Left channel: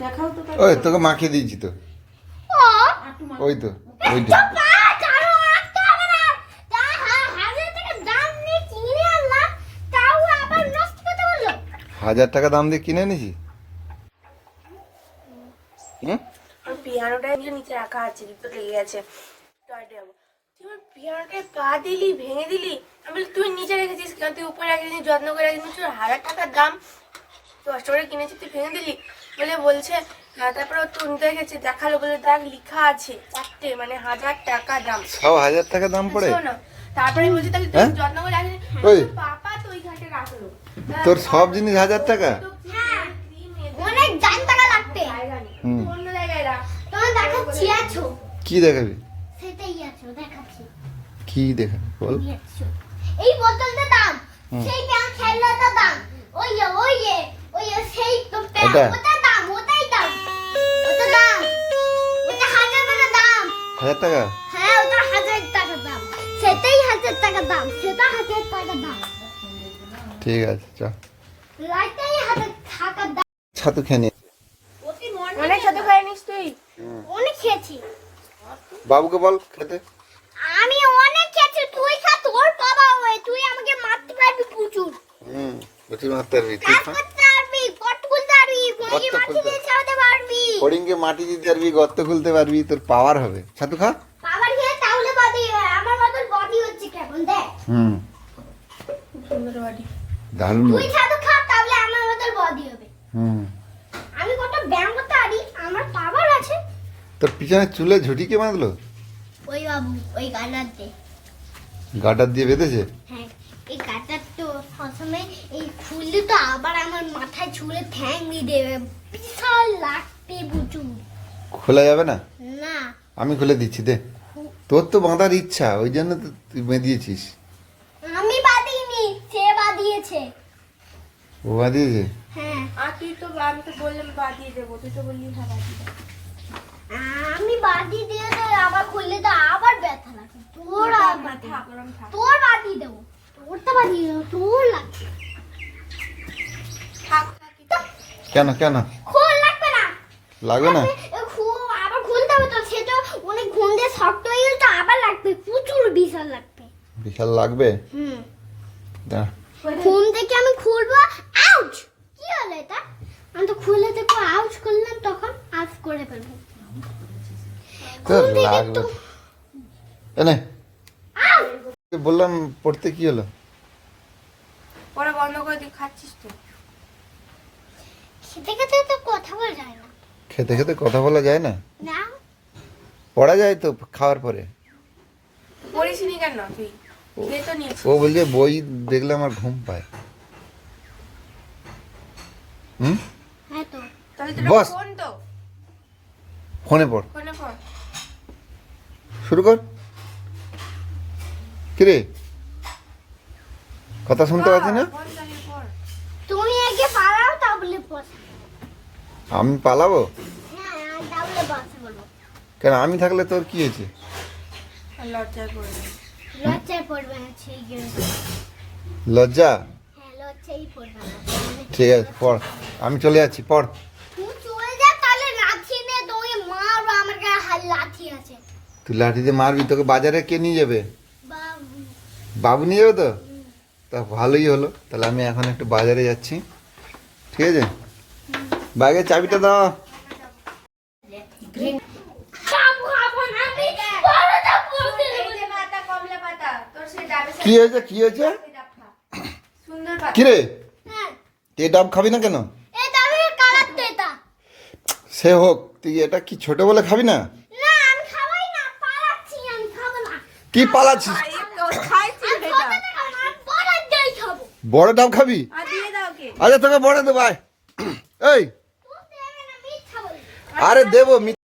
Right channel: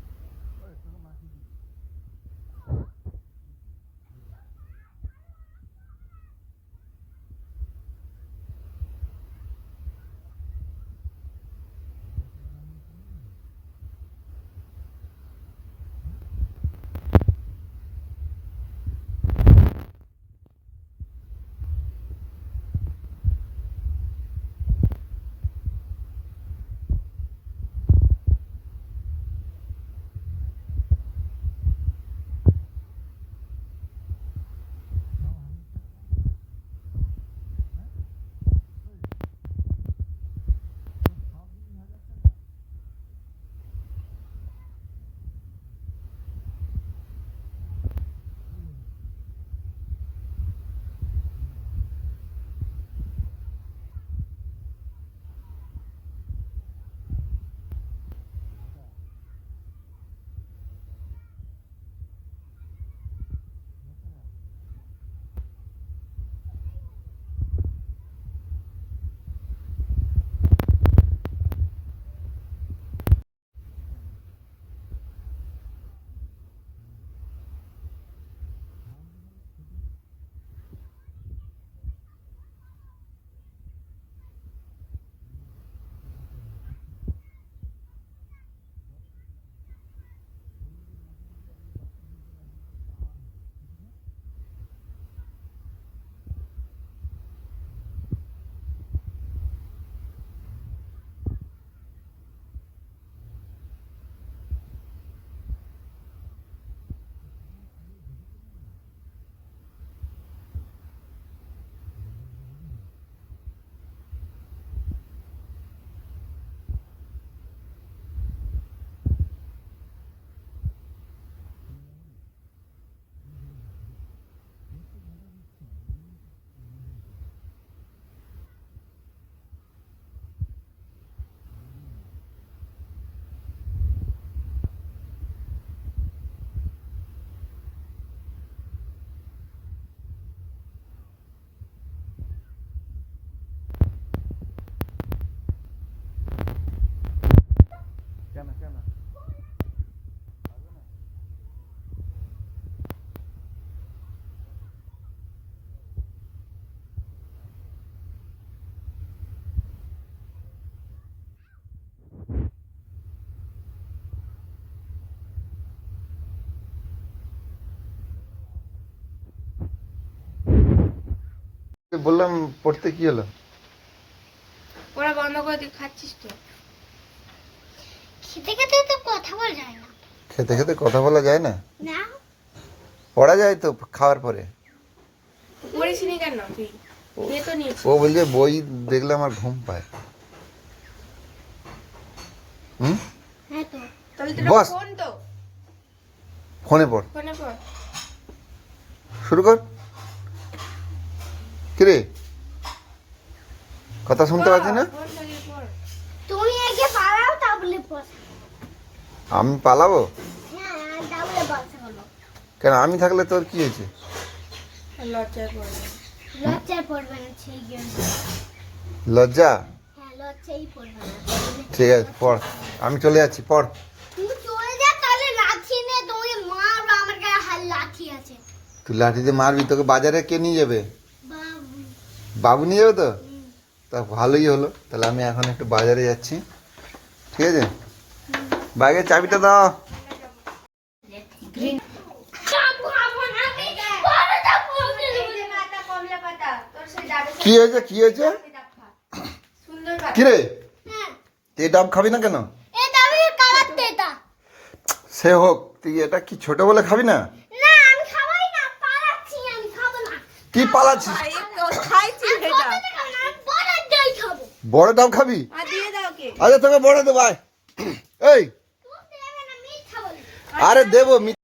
দেখাও তো ওই তোকে মাখিয়ে দিয়েছি তো। ওই তো না তা। হাজার টাকা দাম নিয়ে কিনে আনলাম তাও আবার নষ্ট করতে হাজার টাকা দাম দিয়ে কিনে হুম? পিয়ানোটা নিচে রাখা আছে তো লেগে গেছে। পা দিলি ভেঙে দিলি। আমি বলি, তুই নিচে রেখেছিস কেন? তুই উপরে রেখেছিস যত্ন করে তোর হাজার টাকার দাম কষ্ট করে কিনেছিস তুই ভেঙে দিলি। বলে বলছে হ্যাঁ তারপরে তুলতে রেখেছে দেখাল বলে দেখ লিখা আছে চারটে মানে হাজার টাকা দাম। সব হাজার টাকা দাম পড়ে? শোনো, তারপরে বলছে তাহলে তুই হ্যাঁ? যত্ন করে ওই। পাপা তো ওই ঘাটে রাখল। তোর সব জিনিস হাজার টাকা? হ্যাঁ। অনেক দাম টাকা লাগবে। অন্য জায়গায় রাখ। তোমার দেখাচ্ছি আছো? কি দেখাবি? সেটাই আছো দেখাচ্ছি। কি দেখা বল। এই বোতলটা দাম। সেই প্যান খেলনাটা দাম। ওই ওই ওই সেই তো প্যান হাজার টাকা? হ্যাঁ ওটা হাজার টাকা দাম। সেটাই হাজার টাকা দাম সেটা হাজার টাকা দাম। ঠিক আছে চল। লাইটাই হাজার টাকা দাম। ছাতু খেয়ে অনেক সাথে খাই নিস তুই। অনেক খেয়েছি। বাবুকে বল খেতে। আমি অনেক খেয়েছি তুই খা তোর বাবা হয়ে তুই আমাকে মারতে পারবি প্রচুর। হুম বলছি মারতে পারবি। করতে পারবি পারবি পারবি ফড়িংকে মাটি দিতে পারবি গর্ত খুলতে পারবি তোর পাওয়ার হবে। ছাতু খা। খেয়ে তাহলে বডি আমার মতন বডি হচ্ছে কেমন দেখ। হুম। সুন্দর বাড়ি দারুণ। তুই ছাতু খা তাহলে আমার মতন বডি হবে। হুম। আমি কত ব্যায়াম করতে পারি আমার পাওয়ার আছে। তোর পিছনে চুলে ঝুটি কে বাঁধলো? ওই বাবু ওই গানার দে। গাটার দিয়ে বেঁধেছে? হ্যাঁ এই গাটার তো এই খুললে তো আবার আমার মাথায় ছুঁড়ে ঠ্যাং দিয়ে দেবে। বিশাল খোলা যাবে না? না। আমি খুলে দিচ্ছি দে। তোর তো বাঁধার ইচ্ছা ওই জন্য তো তুই বেঁধিয়েছিস। আমি বাঁধিনি সে বাঁধিয়েছে। ও বাঁধিয়েছে? হ্যাঁ। আর তুই তো আমি তো বললাম বাদিয়ে দেবো তুই তো বললি হ্যাঁ দেবো। আমি দিয়ে তো আবার খুললে তো আবার ব্যথা লাগে। তোর আর ব্যথা। তোর দেবো। কেন কেন? খোল লাগবে না। লাগবে না এ খু- আবার খুলতে হবে তো সেটা অনেক ঘুম দিয়ে শক্ত হয়ে গেলে তো আবার লাগবে প্রচুর বিশাল লাগবে। বিশাল লাগবে? হুম। দাঁড়া। ঘুম থেকে আমি খুলবো আউচ! কি হলো এটা? আমি তো খুলে দেখো আউচ করলাম তখন আউচ করে ফেলব। লাগবে এনে বললাম পড়তে কি হলো? ওরা বন্ধ করে দিয়ে খাচ্ছিস তো। খেতে খেতে তো কথা বলা যায় না। খেতে খেতে কথা বলা যায় না? না পড়া যায় তো খাওয়ার পরে। পড়িস নি কেন তুই খেয়ে তো নিয়েছিস। ও বলছে বই দেখলে আমার ঘুম পায়। হুম? হ্যাঁ বস। ফোনে পড়। শুরু কর। কিরে? কথা শুনতে পাচ্ছি না? ফোন চালিয়ে পড়। তুমি আগে পালাও তাহলে আমি পালাবো হ্যাঁ তাহলে বসে বলো কেন আমি থাকলে তোর কি হয়েছে? লজ্জা হ্যাঁ ঠিক আছে পড়। আমি চলে যাচ্ছি পড়। তুমি চলে যা তাহলে লাঠি তোমাকে মারবো তুই তোকে বাজারে কে নিয়ে যাবে? বাবু। বাবু নিয়ে যাবে তো? তা ভালোই হলো তাহলে আমি এখন একটু বাজারে যাচ্ছি। ঠিক আছে? ব্যাগের চাবিটা দাও খাব খাব না আমি বড়টা পড়বে এই যে পাতা কমলা পাতা তোর সে ডাবের কি হয়েছে? কি হয়েছে? কি রে ডাব খাবি না কেন? সে হোক তুই এটা কি ছোট বলে খাবি না? না আমি খাবাই না পালাচ্ছি আমি খাব না। কি পালাচ্ছিস? বড় ডাব খাবি? আর দিয়ে দাও কে আচ্ছা তোকে বড় দেবো আয়। এই। আরে দেবো মিথ্যে